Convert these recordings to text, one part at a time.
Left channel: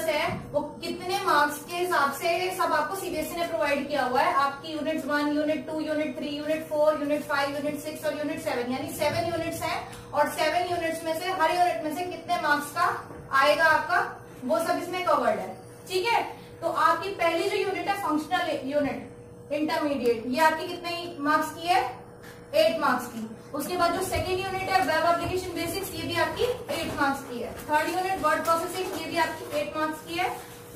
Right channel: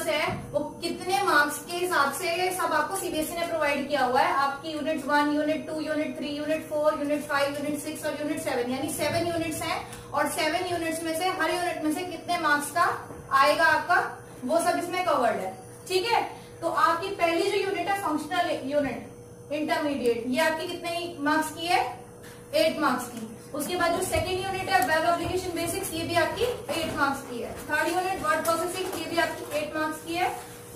Syllabus है वो कितने मार्क्स के हिसाब से सब आपको सीबीएसई ने प्रोवाइड किया हुआ है। आपकी unit 1, unit 2, unit 3, unit 4, unit 5, unit 6 और यूनिट 7 यानी 7 यूनिट्स हैं। और 7 यूनिट्स में से हर यूनिट में से कितने मार्क्स का आएगा आपका वो सब इसमें कवर्ड है। ठीक है, तो आपकी पहली जो यूनिट है फंक्शनल यूनिट इंटरमीडिएट, ये आपकी कितने मार्क्स की है? 8 मार्क्स की। उसके बाद जो सेकंड यूनिट है वेब एप्लीकेशन बेसिक्स, ये भी आपकी 8 मार्क्स की है। थर्ड यूनिट वर्ड प्रोसेसिंग, ये भी आपकी 8 मार्क्स की है।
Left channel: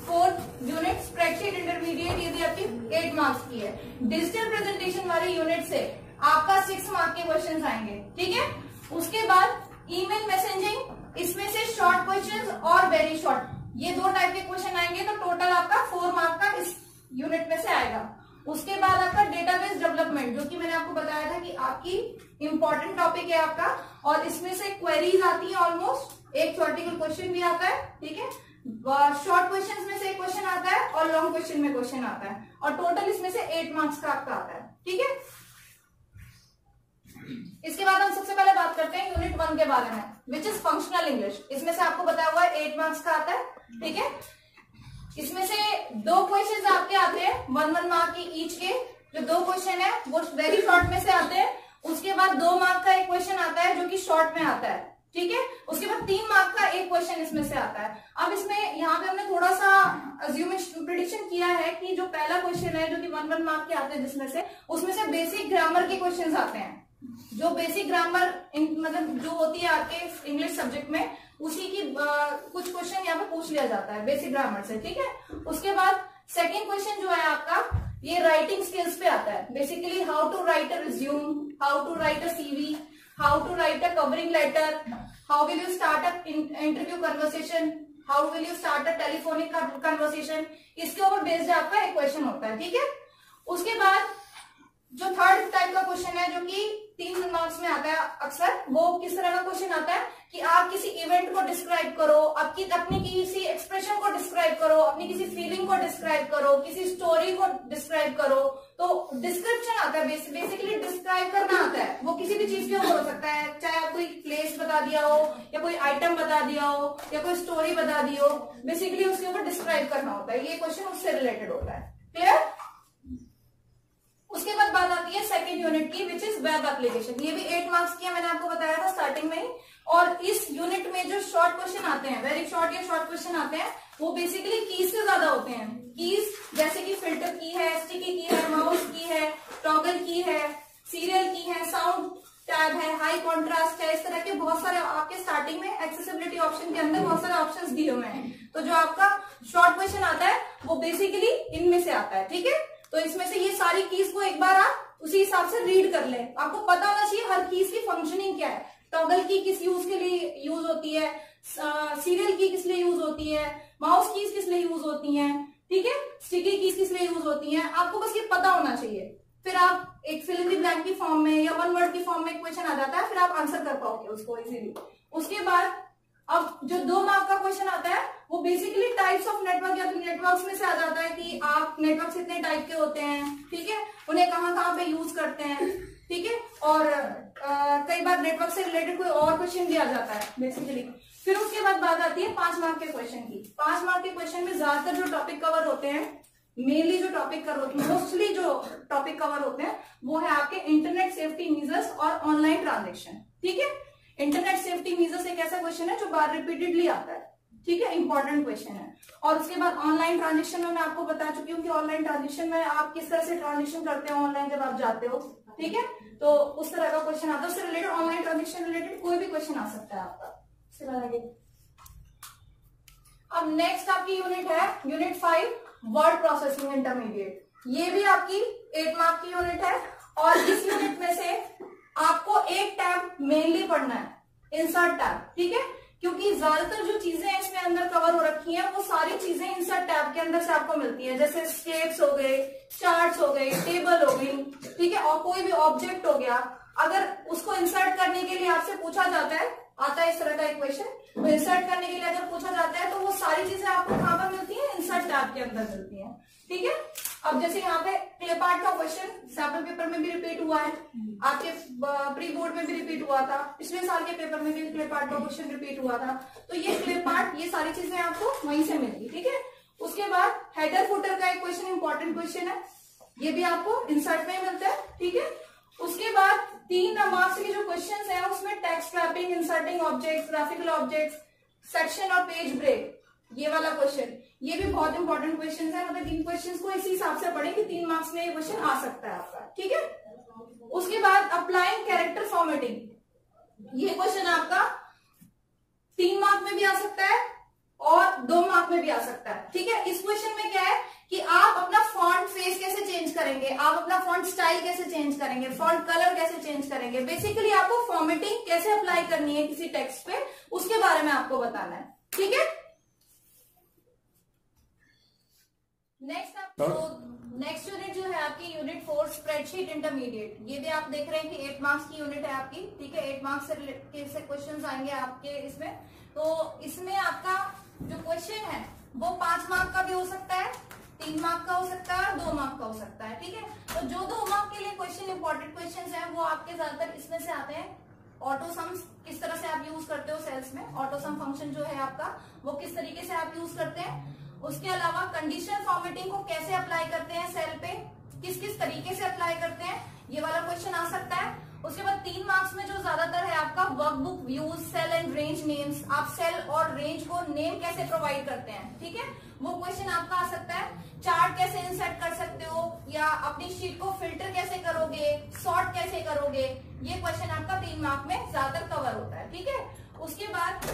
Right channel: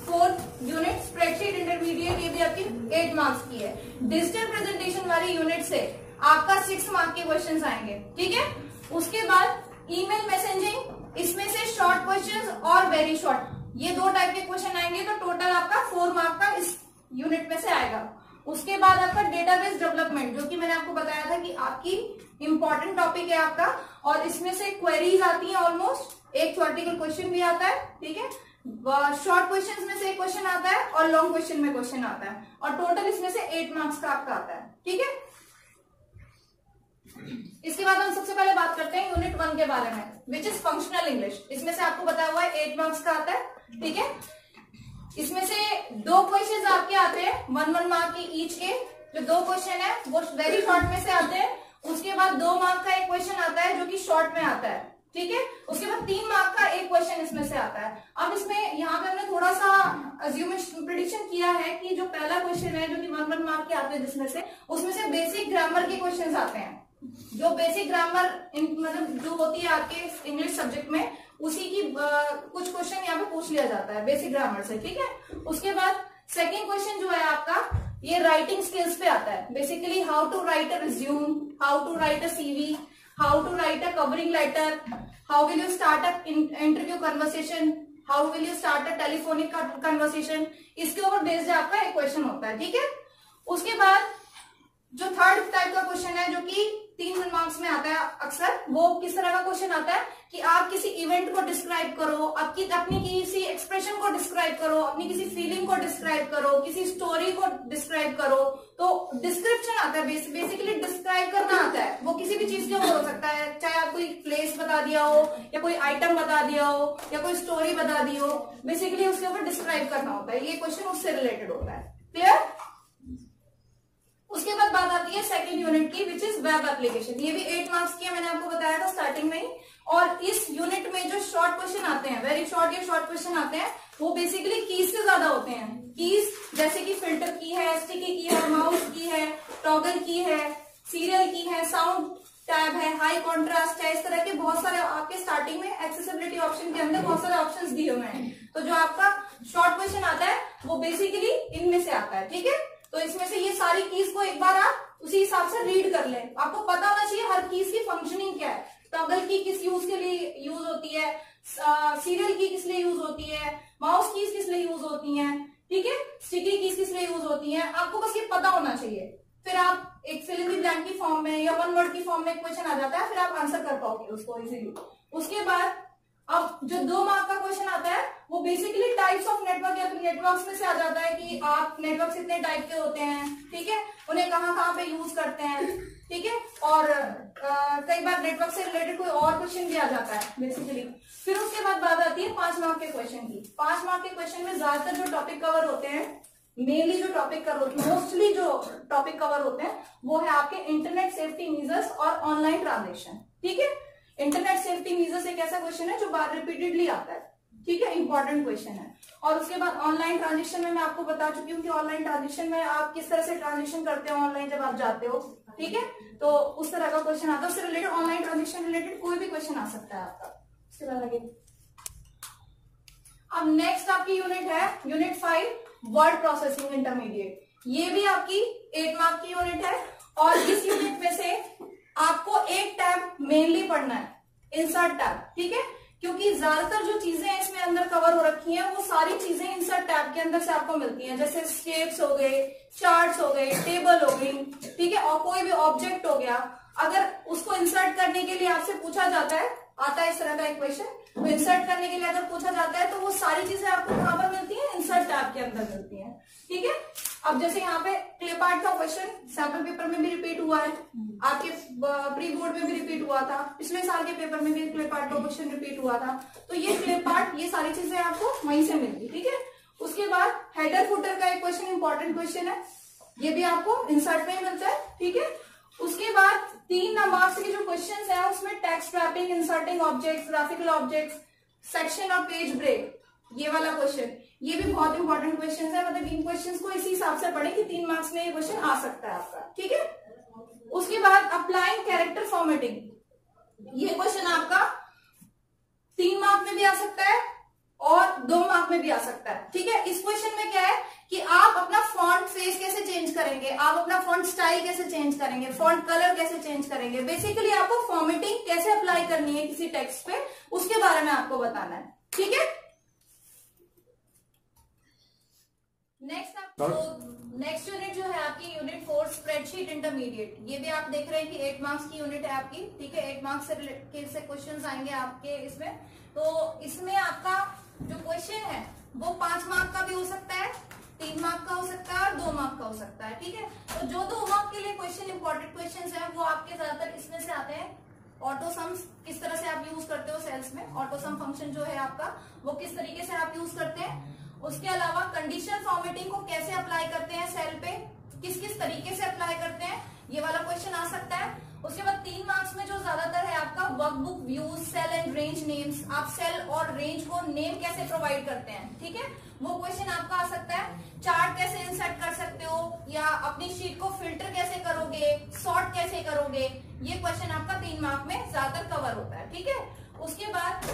फोर्थ यूनिट स्प्रेडशीट इंटरमीडिएट, ये भी आपकी 8 मार्क्स की है। डिजिटल प्रेजेंटेशन वाली यूनिट से आपका 6 मार्क के क्वेश्चन आएंगे। ठीक है, उसके बाद ईमेल मैसेजिंग, इसमें से शॉर्ट क्वेश्चन और वेरी शॉर्ट, ये 2 टाइप के क्वेश्चन आएंगे। तो टोटल आपका 4 मार्क का इस यूनिट में से आएगा। उसके बाद आपका डेटाबेस डेवलपमेंट, जो कि मैंने आपको बताया था कि आपकी इंपॉर्टेंट टॉपिक है आपका, और इसमें से क्वेरीज आती है ऑलमोस्ट, एक थ्योरेटिकल क्वेश्चन भी आता है। ठीक है, शॉर्ट क्वेश्चन में से एक क्वेश्चन आता है और लॉन्ग क्वेश्चन में क्वेश्चन आता है, और टोटल इसमें से 8 मार्क्स का आपका आता है। ठीक है, इसके बाद हम सबसे पहले बात करते हैं यूनिट 1 के बारे में, विच इज फंक्शनल इंग्लिश। इसमें से आपको बताया हुआ है 8 मार्क्स का आता है। ठीक है, इसमें से 2 क्वेश्चन आपके आते हैं 1 मार्क के ईच के। जो 2 क्वेश्चन है वो वेरी शॉर्ट में से आते हैं। उसके बाद 2 मार्क का एक क्वेश्चन आता है जो कि शॉर्ट में आता है। ठीक है, उसके बाद 3 मार्क का एक क्वेश्चन इसमें से आता है। अब इसमें यहाँ पे हमने थोड़ा सा प्रेडिक्शन किया है कि जो पहला क्वेश्चन है जो कि 1 मार्क के आते हैं, जिसमें से उसमें से बेसिक ग्रामर के क्वेश्चन आते हैं। जो बेसिक ग्रामर मतलब जो होती है आपके इंग्लिश सब्जेक्ट में, उसी की कुछ क्वेश्चन यहाँ पे पूछ लिया जाता है बेसिक ग्रामर से। ठीक है, उसके बाद सेकंड क्वेश्चन जो है आपका ये राइटिंग स्किल्स पे आता है। Basically how to write a resume, how to write a CV, how to write a covering letter, how will you start an interview conversation, how will you start a telephonic conversation, इसके ऊपर based आपका एक question होता है। ठीक है, उसके बाद जो थर्ड टाइप का क्वेश्चन है जो कि 3 मार्क्स में आता है अक्सर, वो किस तरह का क्वेश्चन आता है कि आप किसी इवेंट को डिस्क्राइब करो, आपकी अपनी किसी एक्सप्रेशन को डिस्क्राइब करो, अपनी किसी फीलिंग को डिस्क्राइब करो, किसी स्टोरी को डिस्क्राइब करो। तो डिस्क्रिप्शन आता है, बेसिकली डिस्क्राइब करना आता है। वो किसी भी चीज के ऊपर हो सकता है, चाहे आप कोई प्लेस बता दिया हो या कोई आइटम बता दिया हो या कोई स्टोरी बता दी हो, बेसिकली उसके ऊपर डिस्क्राइब करना होता है। ये क्वेश्चन उससे रिलेटेड होता है। क्लियर? उसके बाद बात आती है सेकंड यूनिट की, विच इज वेब एप्लीकेशन। ये भी 8 मार्क्स की है, मैंने आपको बताया था स्टार्टिंग में ही। और इस यूनिट में जो शॉर्ट क्वेश्चन आते हैं, वेरी शॉर्ट या शॉर्ट क्वेश्चन आते हैं, वो बेसिकली कीज से ज्यादा होते हैं। कीज जैसे कि फिल्टर की है, स्टिकी की है, माउस की है, टॉगल की है, सीरियल की है, साउंड टैब है, हाई कॉन्ट्रास्ट है, इस तरह के बहुत सारे आपके स्टार्टिंग में एक्सेसिबिलिटी ऑप्शन के अंदर बहुत सारे ऑप्शंस दिए हुए हैं। तो जो आपका शॉर्ट क्वेश्चन आता है वो बेसिकली इनमें से आता है। ठीक है, तो इसमें से ये सारी कीज को एक बार आप उसी हिसाब से रीड कर लें। आपको पता होना चाहिए हर कीज की फंक्शनिंग क्या है। टॉगल की किस यूज के लिए यूज होती है, सीरियल की किस लिए यूज होती है, माउस कीज किस लिए यूज होती हैं, ठीक है, स्टिकी कीज किस लिए यूज होती हैं, आपको बस ये पता होना चाहिए। फिर आप एक फिल इन द ब्लैंक की फॉर्म में या 1 वर्ड की फॉर्म में क्वेश्चन आ जाता है, फिर आप आंसर कर पाओगे उसको इजीली। उसके बाद अब जो 2 मार्क का क्वेश्चन आता है वो बेसिकली टाइप्स ऑफ नेटवर्क या नेटवर्क्स में से आ जाता है कि आप नेटवर्क कितने टाइप के होते हैं, ठीक है, उन्हें कहाँ पे यूज करते हैं, ठीक है, और कई बार नेटवर्क से रिलेटेड कोई और क्वेश्चन भी आ जाता है बेसिकली। फिर उसके बाद बात आती है 5 मार्क के क्वेश्चन की। 5 मार्क के क्वेश्चन में ज्यादातर जो टॉपिक कवर होते हैं, मेनली जो टॉपिक कवर होते हैं, मोस्टली जो टॉपिक कवर होते हैं वो है आपके इंटरनेट सेफ्टी मीजर्स और ऑनलाइन ट्रांजेक्शन। ठीक है, इंटरनेट सेफ्टी मीजर्स एक ऐसा क्वेश्चन है जो बार रिपीटेडली आता है। ठीक है, इंपॉर्टेंट क्वेश्चन है। और उसके बाद ऑनलाइन ट्रांजेक्शन में मैं आपको बता चुकी हूँ कि ऑनलाइन ट्रांजेक्शन में आप किस तरह से ट्रांजेक्शन करते हो ऑनलाइन जब आप जाते हो। ठीक है, तो उस तरह का क्वेश्चन आता है। उससे रिलेटेड ऑनलाइन ट्रांजेक्शन रिलेटेड कोई भी क्वेश्चन आ सकता है आपका। उसके बाद आगे अब नेक्स्ट आपकी यूनिट है यूनिट 5 वर्ड प्रोसेसिंग इंटरमीडिएट। ये भी आपकी 8 मार्क की यूनिट है। और इस यूनिट में से आपको एक टैब मेनली पढ़ना है, इंसर्ट टैब। ठीक है, क्योंकि ज्यादातर जो चीजें इसमें अंदर कवर हो रखी हैं वो सारी चीजें इंसर्ट टैब के अंदर से आपको मिलती हैं, जैसे स्टेप्स हो गए, चार्ट्स हो गए, टेबल हो गई, ठीक है, और कोई भी ऑब्जेक्ट हो गया। अगर उसको इंसर्ट करने के लिए आपसे पूछा जाता है, आता है इस तरह का एक क्वेश्चन, तो इंसर्ट करने के लिए अगर पूछा जाता है तो वो सारी चीजें आपको कहां पर मिलती है, इंसर्ट टैब के अंदर मिलती है। ठीक है, अब जैसे यहाँ पे क्ले पार्ट का क्वेश्चन सैंपल पेपर में भी रिपीट हुआ है, आपके प्री बोर्ड में भी रिपीट हुआ था, पिछले साल के पेपर में भी क्ले पार्ट का क्वेश्चन रिपीट हुआ था। तो ये क्ले पार्ट, ये सारी चीजें आपको वहीं से मिलेगी, ठीक है। उसके बाद हेडर फुटर का एक क्वेश्चन इंपॉर्टेंट क्वेश्चन है, ये भी आपको इंसर्ट में मिलता है, ठीक है। उसके बाद 3 मार्क्स के जो क्वेश्चन है उसमें text wrapping, inserting objects, graphical objects, section और पेज ब्रेक, ये वाला क्वेश्चन, ये भी बहुत इंपॉर्टेंट क्वेश्चन है। मतलब इन क्वेश्चंस को इसी हिसाब से पढ़े कि 3 मार्क्स में ये क्वेश्चन आ सकता है आपका, ठीक है। उसके बाद अप्लाइंग कैरेक्टर फॉर्मेटिंग, ये क्वेश्चन आपका 3 मार्क में भी आ सकता है और 2 मार्क में भी आ सकता है, ठीक है। इस क्वेश्चन में क्या है कि आप अपना फॉन्ट फेस कैसे चेंज करेंगे, आप अपना फॉन्ट स्टाइल कैसे चेंज करेंगे, फॉन्ट कलर कैसे चेंज करेंगे, बेसिकली आपको फॉर्मेटिंग कैसे अप्लाई करनी है किसी टेक्स्ट पे, उसके बारे में आपको बताना है, ठीक है। नेक्स्ट यूनिट जो है आपकी यूनिट 4 स्प्रेडशीट इंटरमीडिएट, ये भी आप देख रहे हैं कि 8 मार्क्स की यूनिट है आपकी, ठीक है। 8 मार्क्स से क्वेश्चन आएंगे आपके इसमें। तो इसमें आपका जो क्वेश्चन है वो 5 मार्क का भी हो सकता है, 3 मार्क का हो सकता है और 2 मार्क का हो सकता है, ठीक है। तो जो 2 मार्क के लिए क्वेश्चन इंपॉर्टेंट क्वेश्चन है वो आपके ज्यादातर इसमें से आते हैं। ऑटो सम्स किस तरह से आप यूज करते हो सेल्स में, ऑटो सम फंक्शन जो है आपका वो किस तरीके से आप यूज करते हैं। उसके अलावा कंडीशनल फॉर्मेटिंग को कैसे अप्लाई करते हैं सेल पे, किस किस तरीके से अप्लाई करते हैं, ये वाला क्वेश्चन आ सकता है। उसके बाद 3 मार्क्स में जो ज्यादातर है आपका workbook views, cell and range names, आप सेल और रेंज को नेम कैसे प्रोवाइड करते हैं, ठीक है, वो क्वेश्चन आपका आ सकता है। चार्ट कैसे इंसर्ट कर सकते हो या अपनी शीट को फिल्टर कैसे करोगे, सॉर्ट कैसे करोगे, ये क्वेश्चन आपका 3 मार्क में ज्यादातर कवर होता है, ठीक है। उसके बाद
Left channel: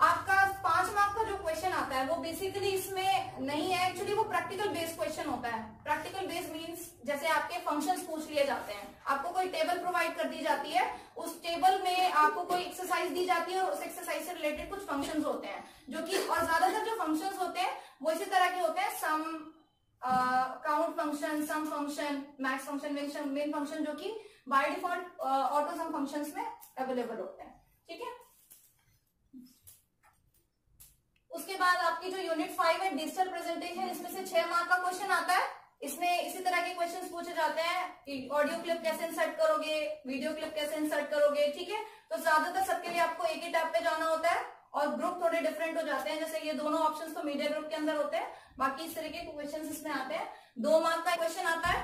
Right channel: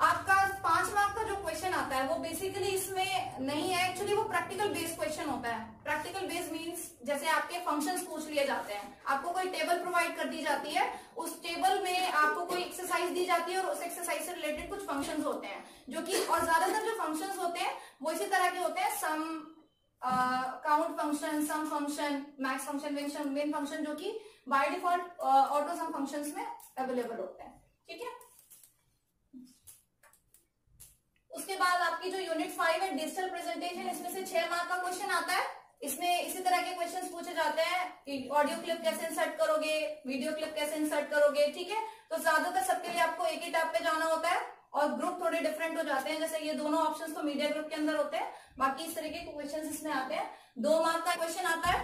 आपका 5 मार्क का जो क्वेश्चन आता है वो बेसिकली इसमें नहीं है, एक्चुअली वो प्रैक्टिकल बेस्ड क्वेश्चन होता है। प्रैक्टिकल बेस्ड मींस जैसे आपके फंक्शंस पूछ लिए जाते हैं, आपको कोई टेबल प्रोवाइड कर दी जाती है, उस टेबल में आपको कोई एक्सरसाइज दी जाती है और उस एक्सरसाइज से रिलेटेड कुछ फंक्शंस होते हैं जो कि, और ज्यादातर जो फंक्शंस होते हैं वो इसी तरह के होते हैं, sum, count function, sum function, max function, min function, जो कि by default auto sum functions में अवेलेबल होते हैं, ठीक है। उसके बाद आपकी जो यूनिट 5 है डिजिटल प्रेजेंटेशन, इसमें से 6 मार्क का क्वेश्चन आता है। इसमें इसी तरह के क्वेश्चंस पूछे जाते हैं कि ऑडियो क्लिप कैसे इंसर्ट करोगे, वीडियो क्लिप कैसे इंसर्ट करोगे, ठीक है। तो ज्यादातर सबके लिए आपको एक ही टैब पे जाना होता है और ग्रुप थोड़े डिफरेंट हो जाते हैं, जैसे ये दोनों ऑप्शंस तो मीडिया ग्रुप के अंदर होते हैं, बाकी इस तरीके के क्वेश्चन इसमें आते हैं। 2 मार्क का क्वेश्चन आता है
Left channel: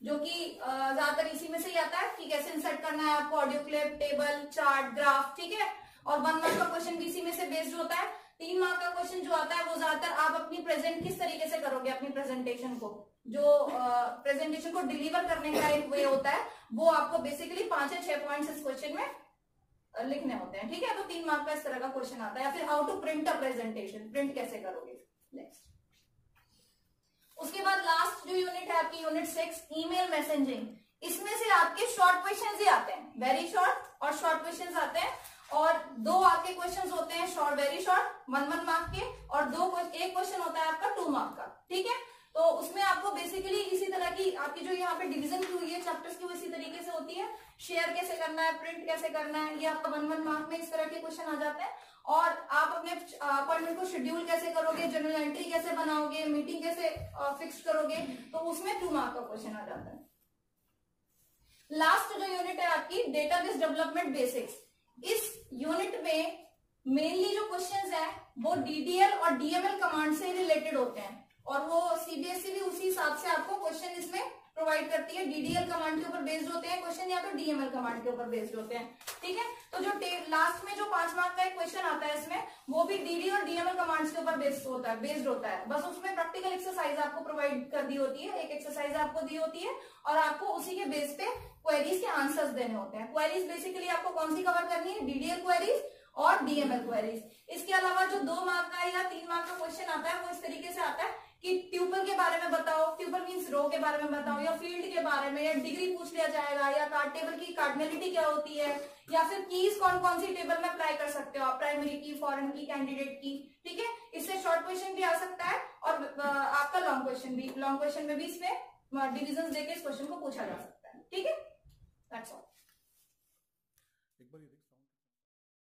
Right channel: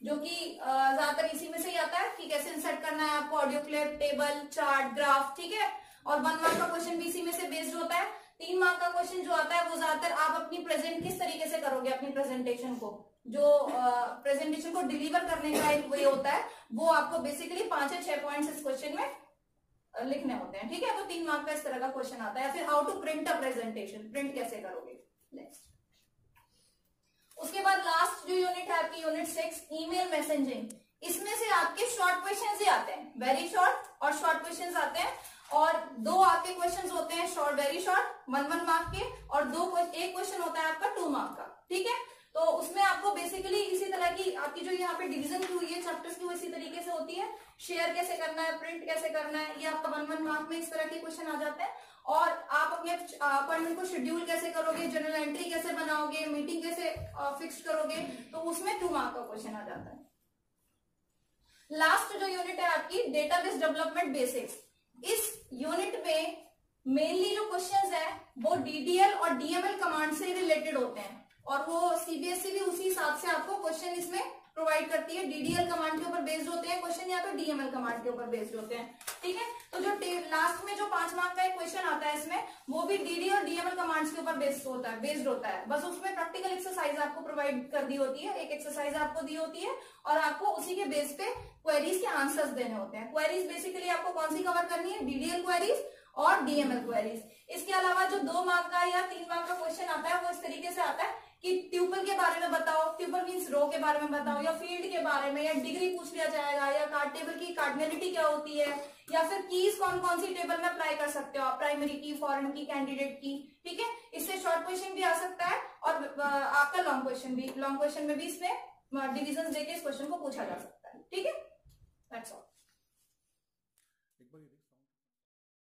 जो कि ज्यादातर इसी में से ही आता है कि कैसे इंसर्ट करना है आपको audio clip, table, chart, graph, ठीक है। और 1 मार्क का क्वेश्चन भी इसी में से बेस्ड होता है। 3 मार्क का क्वेश्चन जो आता है वो ज्यादातर आप अपनी प्रेजेंट किस तरीके से करोगे, अपनी प्रेजेंटेशन को, जो प्रेजेंटेशन को डिलीवर करने का एक वे होता है, वो आपको बेसिकली 5 या 6 पॉइंट्स इस क्वेश्चन में लिखने होते हैं, ठीक है। तो 3 मार्क का इस तरह का क्वेश्चन आता है। या फिर how to print a presentation, print कैसे करोगे। नेक्स्ट, उसके बाद लास्ट जो यूनिट है आपकी यूनिट 6 ईमेल मैसेजिंग, इसमें से आपके शॉर्ट क्वेश्चन ही आते हैं, वेरी शॉर्ट और शॉर्ट क्वेश्चन आते हैं। और 2 आपके क्वेश्चंस होते हैं शॉर्ट, वेरी शॉर्ट, 1 मार्क के, और एक क्वेश्चन होता है आपका 2 मार्क का, ठीक है। तो उसमें आपको बेसिकली इसी तरह की आपकी जो यहाँ पे डिवीजन की हुई है चैप्टर्स की, वो इसी तरीके से होती है। शेयर कैसे करना है, प्रिंट कैसे करना है, ये आपका 1 मार्क में इस तरह के क्वेश्चन आ जाते हैं। और आप अपने अपॉइंटमेंट को शेड्यूल कैसे करोगे, जनरल एंट्री कैसे बनाओगे, मीटिंग कैसे फिक्स करोगे, तो उसमें 2 मार्क का क्वेश्चन आ जाता है। लास्ट जो यूनिट है आपकी डेटाबेस डेवलपमेंट बेसिक्स, इस यूनिट में मेनली जो क्वेश्चंस है वो डीडीएल और डीएमएल कमांड से रिलेटेड होते हैं, और वो सीबीएसई भी उसी हिसाब से आपको क्वेश्चन इसमें प्रोवाइड करती है। डीडीएल कमांड के ऊपर बेस्ड होते हैं क्वेश्चन, या तो डीएमएल कमांड के ऊपर बेस्ड होते हैं, ठीक है। तो जो लास्ट में जो 5 मार्क का एक क्वेश्चन आता है इसमें, वो भी डीडी और डीएमएल कमांड्स के ऊपर बेस्ड होता है। बस उसमें प्रैक्टिकल एक्सरसाइज आपको प्रोवाइड कर दी होती है, एक एक्सरसाइज आपको दी होती है, और आपको उसी के बेस पे क्वेरीज के आंसर्स देने होते हैं। क्वेरीज बेसिकली आपको कौन सी कवर करनी है, डीडीएल क्वेरीज और डीएमएल क्वेरीज। इसके अलावा जो 2 मार्क का या 3 मार्क का क्वेश्चन आता है वो इस तरीके से आता है कि ट्यूपल के बारे में बताओ, ट्यूपल मींस रो के बारे में बताओ, या फील्ड के बारे में, या डिग्री पूछ लिया जाएगा, या कार्ड टेबल की कार्डिनलिटी क्या होती है, या फिर कीज कौन कौन सी टेबल में अप्लाई कर सकते हो आप, प्राइमरी की, फॉरेन की, कैंडिडेट की, ठीक है। इससे शॉर्ट क्वेश्चन भी आ सकता है, और आपका लॉन्ग क्वेश्चन में भी इसमें डिविजन देके इस क्वेश्चन को पूछा जा सकता है, ठीक है। That's all.